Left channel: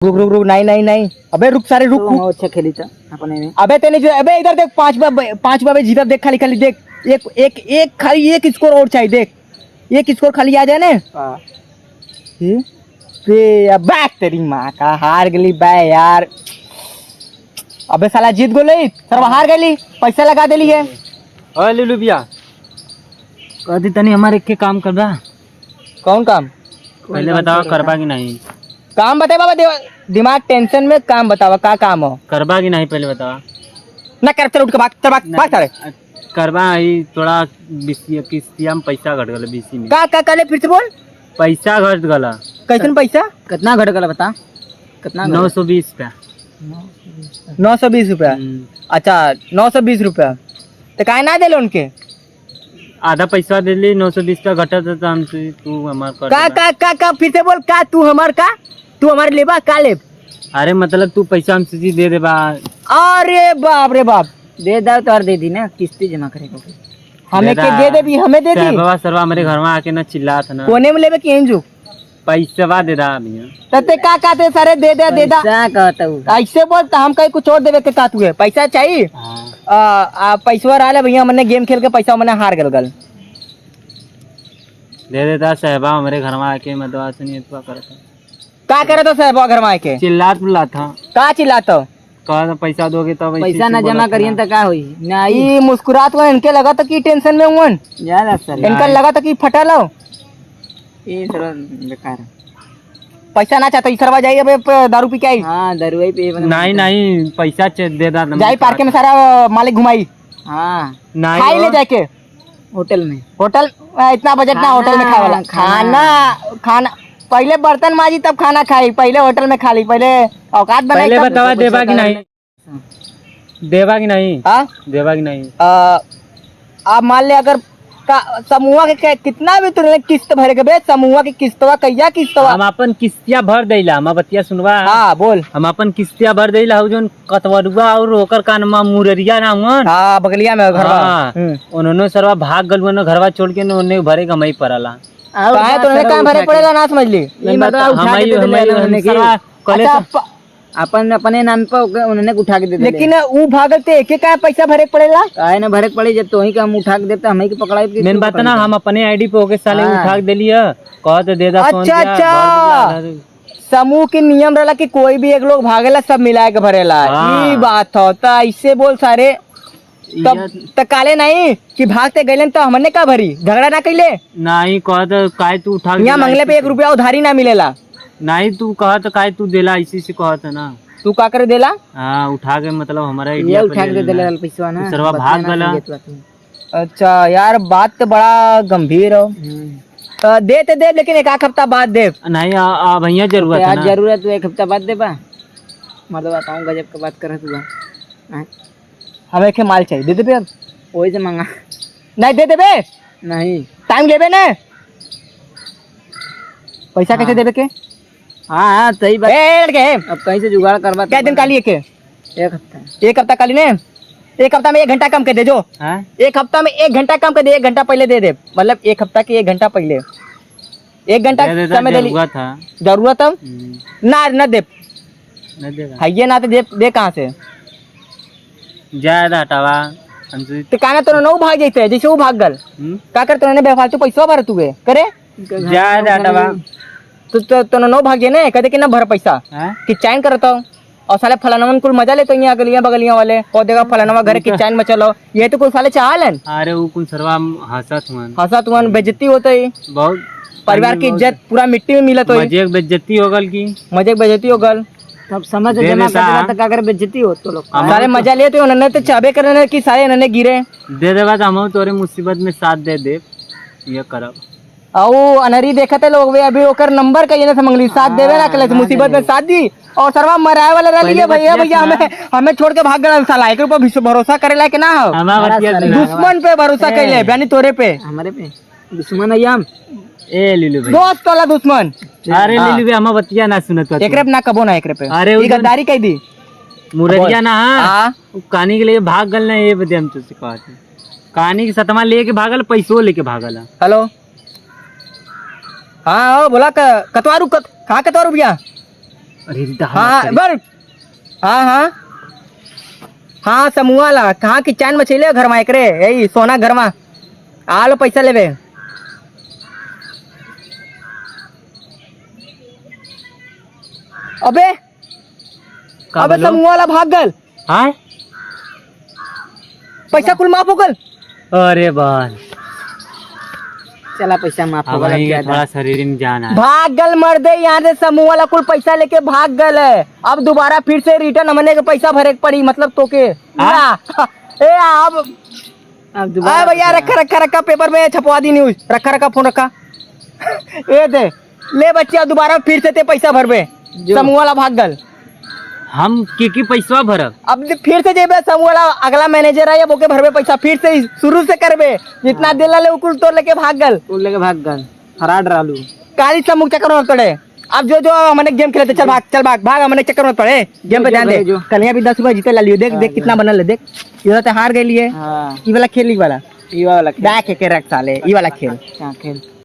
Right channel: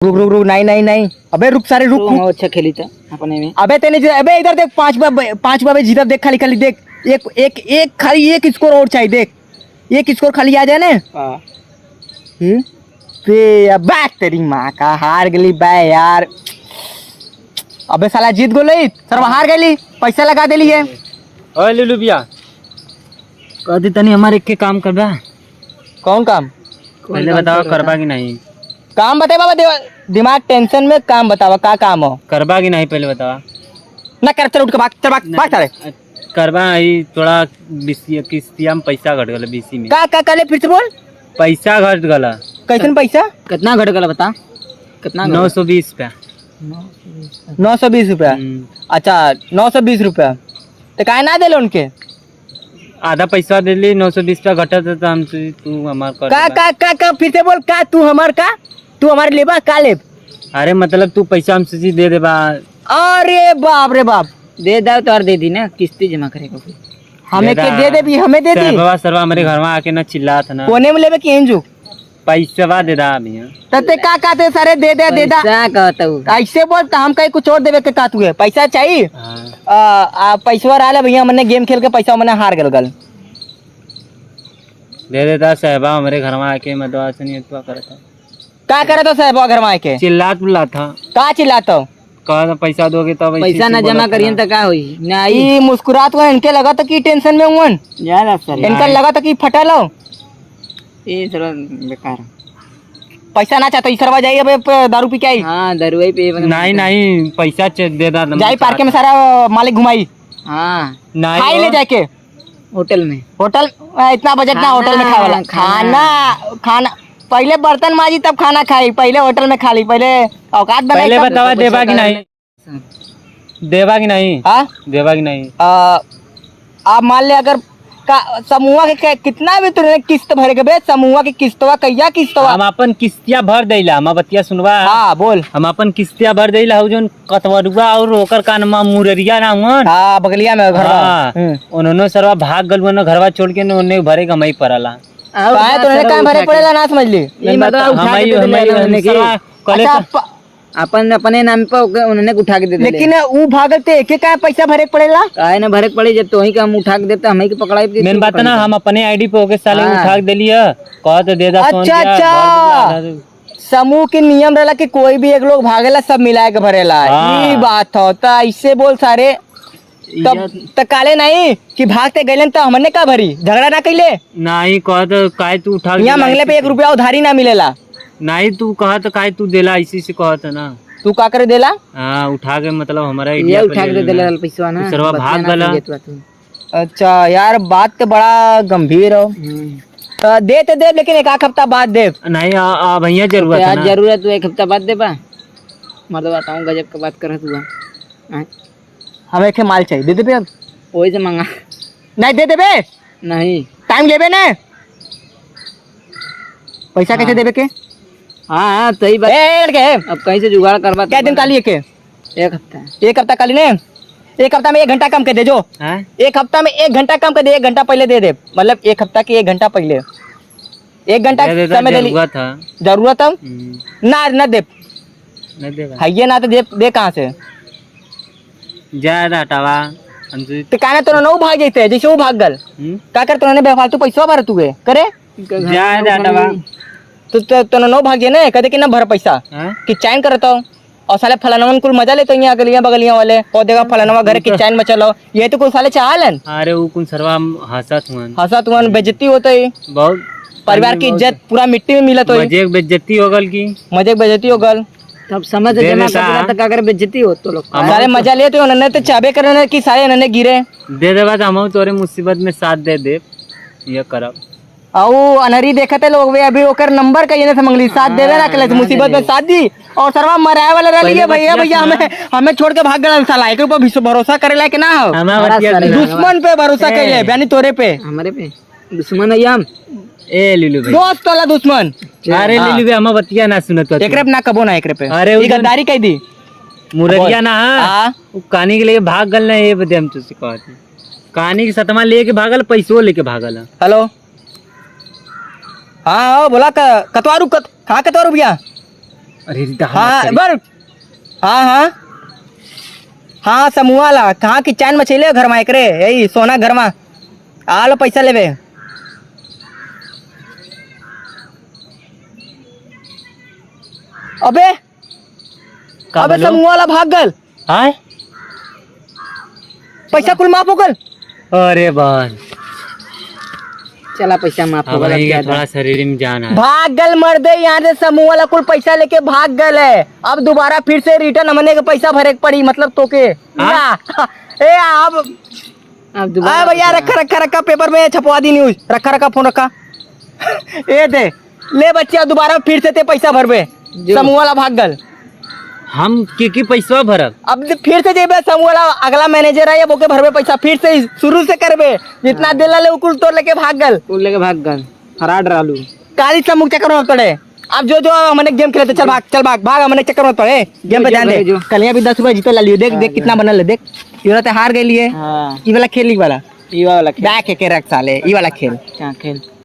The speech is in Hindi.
रुक रुक रुक, नहीं नहीं नहीं, अबे रुक सारे रुक रुक। अच्छा खेली था अपने में। अबे तेने अबे इधर देख, पांच बाबे जीता देख, खाली खाली देख, एक एक एक खाली एक स्कोर और चाहिए, देख एक स्कोर खाली आ जाए ना। अबे तेरी माँ का हार गली बे यार। अबे साला जीत गोली, सर हार गली, पैसा लगा देली है। ओए लुलु भैया, कहती तनी हमारे के काम कर बा। कौन काम? पहले बताओ करबा की नहीं? काम बताए बाबा, दिमाग टेंशन में काम बतावा, का काम हो? करबा की नहीं पहले बताओ ना कर, चल उठ के भाग, चल भाग भाग सारे। करबा ही थोड़ा किस्तिया में पैसा घट गला, बीसी में का करे फिर से बोल। पैसा घट गला। कैसन पैसा? कितना घट गला बता, कितना? 920 रुपया। 920 रुपया? अच्छा 920 रुपया, तो काहे ना दे उनके? आधा पैसा दे ली, 920 रुपया घटा तो हम तू हमार कर का फिर से बोल, का तू हमार का, तू हमारे लेबा का लेब? अरे मतलब तू पैसा हमसे दे दे बा। अरे बाप रे बाप, दे दो तो और दे दी ना, किस्ती जमा करेगा फिर हमें के दे दे भी, हमें दे दी। सरवा हमारे घर में आके ना चिल्ला था ना, कोने में लेबे कि एंजू पैसा दे रहा भैया। तते का कहते सारे दे दे दे दा, क्या कहता हूँ ऐसे बोल तो हम कहीं कुछ और देवे के का तुए पैसा चाहिए? हाँ। पैसा रहा भैया, हमने गेम खेल के पैसा हमने हार गल दे देता साहबा हमारे घर में आके मतलब नहीं करता। का करे तो साहब घर में आके चिल्लात बुला था, का चिल्लाता? कहा पैसा दोगे तो पैसा ना जमा करिए तो क्या हुई नहीं? मुस्कुरात हुआ, इनके लगा था कि टेंशन में हुआ, ज्यादा सर इनका लगा था कि फटा लो, ये थोड़ा बेकार। पैसा ना चाहता सरवा जाइए, अब दारू पी के आई। हाँ दारू ही पे नहीं नहीं पैसा दे दा जाई पार्क में सारा मालिक घुमाई। हाँ खाई ले नहीं जाके होटल में, होटल इतना बजट ना होटल में खाए वाला, खाना पहले बर्तन माजी तब खाना खाई, पहले होटल में खा ली, पहले औकात बनाई। पहले बतावा देवा की नहीं, देवा की नहीं, हाँ देवा की नहीं। आप मान ले अगर समूह के कितना भी तुमने किस्त भरे के बे, समूह की किस्तवा कैया किस्तवा? हम अपन किस्तिया भर देला, हम बतिया सुनवा। हाँ बोल। हम अपन किस्तिया भर देला, हो जोन कतवरुआ और ओकर का नाम मुररिया नाम है। हाँ बगलिया में घर। हाँ उन्होंने सरवा भाग गल, उन्होंने घरवा छोड़ के उन्हें भरे का मई पड़ला। काहे तो काम भरे पड़ेला, ना समझ ली? अपन अपने नाम पे उन्होंने उठा के दे दिले। लेकिन वो भागते एक का पैसा भरे पड़ेला, काहे ना भरे पड़े, जब तो ही का हम उठा के देता हमें की पकड़ाई। मेन बात ना, हम अपने आईडी पे होके साले उठा के देली है, कह तो दे दा। अच्छा समूह के नियम रहला कि कोई भी एक लोग भागेला सब मिला के भरेला, ये बात हो तो ऐसे बोल सारे। तब काले नहीं कि भागते गए तो हमने का भरी, झगड़ा ना कैले नहीं, कह तो काय तू उठा यहाँ मंगले पे 1 रुपया उधारी ना मिलेला। नहीं तू कहा तो काय तू देला, इसी से कहा था ना। तू का करे देला? हाँ उठा के मतलब हमारा ये उठा के दे देला पैसा ना, सरवा भाग गला। अच्छा यार बात तो बड़ा गंभीर हो, तो दे तो दे, लेकिन 1 हफ्ता बाद दे। नहीं भैया जरूरत है ना, जरूरत तो 1 हफ्ता बाद दे बा। मैं तो बताऊँ गजब का बात कर तू। हमें के माल चाहिए, दे दे बे अब। वही से मांगा नहीं दे दे बे, नहीं टाइम लेबे ने, पैसा कैसे देबे के? हाँ सही बात। अब कहीं से जुगाड़ करवा। क्या दिन काली के? 1 हफ्ता। 1 हफ्ता काली ने, 1 हफ्ता में 1 घंटा कम कर दे जो। 1 हफ्ता में 1 घंटा कम कर दे, 1 घंटा पहले दे दे, मतलब 1 हफ्ता के 1 घंटा पहले, 1 घंटा समय दे ली। जरूरत है ना दे, है ना तो दे कहाँ से? ज्यादा हटावा तो काना तो ना भाग जाते, जैसे वो भाग गल का कर, तो बेफालतू पैसा भर तू करे ज्यादा हटावा तो ना भाग जाए ना, कहते कि ना भर पैसा कि चैन करता हूँ, और साले फलानवन कुल मजा लेते हैं गलियां बगलियां वाले, और देखा फलानवा घर की चैन में चलो, ये तो कुल साले चाहलन। अरे वो कुल सरवा हंसत हुआ, बेइज्जती होते ही, बहुत परिवार की इज्जत पूरा मिट्टी में मिलत हो, मजे बेइज्जती हो गल की, मजे बेइज्जती हो गल। तब समझ जमा करता तो क्या करे, बेइज्जती हो तो लोग सारे मजा लेते, उन्होंने तो चाबे करने की सारे इन्होंने गिरे दे देगा, हम तोरे मुसीबत में साथ दे दे, ये करब। और अनहरी देखते लोग वे अभी ओकर नंबर कहीं से मंगली, साथ देवे ना कले, मुसीबत में साथ दी, और सरवा मराए वाले रह लिए भैया भैया हमें छोड़ के भाग गए, साला एक ऊपर भरोसा करेला कि ना हो, दुश्मन पे भरोसा कैले यानी तोरे पे, हमारे पे दुश्मन है हम। ए लिलू भाई दोस्त वाला दुश्मन। अरे लिलू भाई हम बतिया ना सुनत, एकरे पे ना कबो ना, एकरे पे अरे ये गद्दारी कह दी मुररिया ना। हां कहानी के लिए भाग गल ना, ये बदे हम तुझसे कहत, कहानी की सतमा लेके भागल, पैसो लेके भागल। हेलो हाँ बोला कतवारू कहाँ कतवारू भैया? अरे रीता हाँ बर हाँ हाँ हाँ समूह वाला कहाँ की चाइन मछली घर में एकरे यही सोना घर में आलो पैसा लेवे अबे अबे समूह वाला भाग गल हाँ पैसा कुल माफ हो गल अरे बाल चला पैसा माफ हो अब गया वही क्या थोड़ा शरीर में जान आ भाग गल मर दे यहाँ से समूह वाला कुल पैसा लेके भाग गल है अब दोबारा फिर से रिटर्न हमने के पैसा भरे के पड़ी मतलब तो के ए अब अब दोबारा भैया रखा पेपर में छपवा दी न्यूज रखा फोन रखा ए दे ले बच्चे दोबारा फिर से ते पैसा भरबे समूह वाला भाग गल हम की पैसा भरब अब फिर से देबे समूह वाला अगला मैनेजर है बोके भरबे पैसा फिर से शुरू से करबे जितना दिल ले कुल तो लेके भाग गल कुल लेके भाग गल हरा डरालू काली समूह चक्कर में पड़े अब जो हमने गेम खेले चल भाग हमने चक्कर में पड़े गेम पे ध्यान दे कल भी 10 रुपए जीते ला लियो देख देख कितना बनल है देख ये तो हार गई है हाँ ये वाला खेल ये वाला खेल बैक के रख साले ये वाला खेल क्या खेल